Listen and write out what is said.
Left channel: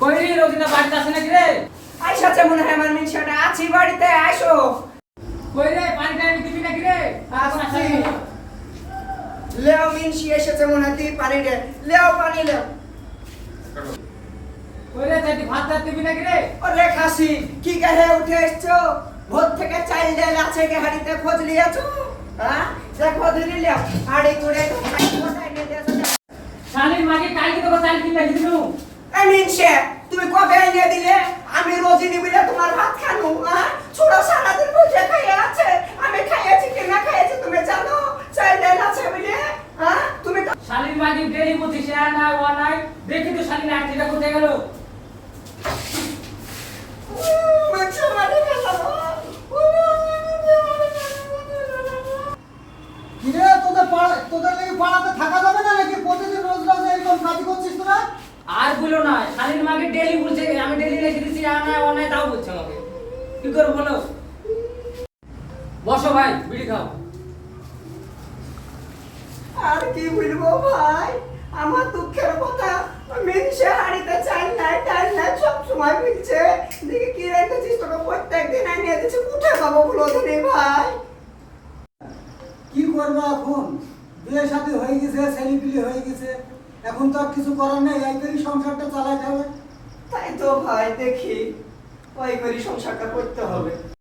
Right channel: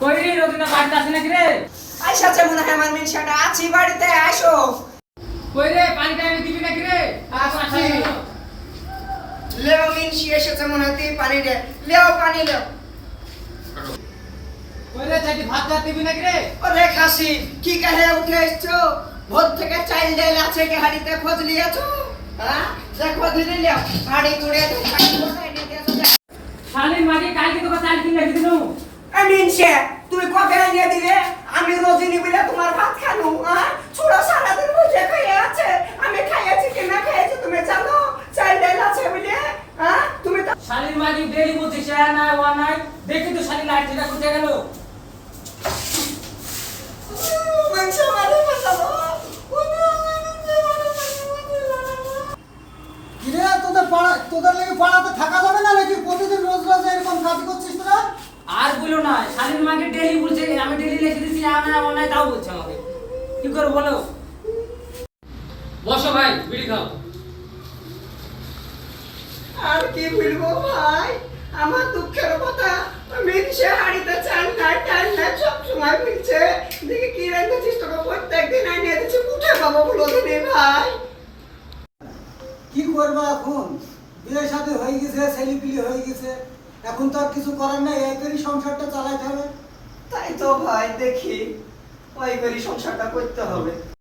কই রে রোজিনা বাড়িতে আসে নাকি রে? আইসাছে মনে হয় আমার মিনসাটা। আছি বাড়িতে আসো কই রে পানি টাইমে দিবি নাকি রে? এখন আসা। লেও মিনসি এসেছে মনে হয় তুই পানি দে লেও পানি লেও। কই রে চাইতে ভাত টাত দিবি নাকি রে? ওরে খাসি কি কাহে উঠে এসছো? ভোর থেকে চাইল ডাল আছে কি হাড়িতে খোঁজ লিয়েছো হ্যাঁ? দেখো ধীরে লেও হাড়ি তুড়ে খাই মোটাই নিয়ে দিয়েছ শালির মাকে কালকে তোকে চাল কিনে দিনু মিনসে তুমি কবে এনে দিলে আমি রোজিনি বলে তোমার ভাত খানু হ্যাঁ ছোড়া সারাদিন বসে খাইয়ে আছে আমি খাইয়েছি কি না খাইয়েছি তুমি জানো চাইল ডাল আছে বলে হ্যাঁ তুমি তো শালির মাকে ডেলি বলছি শেয়ার নাই ওয়া নাই দেখি তো শালি লাইট যেটা কোথায় গেল মানে ফেলাবো কিরে তোদের পাড়া তোদের লাগে পাড়াতে থাকা যাবে না নাকি প্রতিদিন রোজ রোজ এরকম কাজ করছিস তোরা আর বলো না। শালির মাকে ডেলি বলছে আমি ডেলি লিখে দিছি আ নাই ও নাই তাও বলছে আমাকে। কি করব বলো? বসো ভাই বিড়ি খাও। আর কি বলব ভাই? আমার দুঃখের কথা মিনসে হাড়িতে চাল নাই ডাল নাই সব সময় মিলছে দেখি কি রেখেছিস তোকে? প্রত্যেক দিন আনিয়ে দিচ্ছি উঠে পাবো বলো দিনে ভাই। কি করব এখন? বিয়ে সাথে হয়ে গেছে ছেলেপিলি হয়ে গেছে। এখন তো আর কিছু করার নাই, এই করি সংসারটা চালাইতে হবে। তাই তো ভাই, দেখি। ওই করি সংসারটা করতে হবে।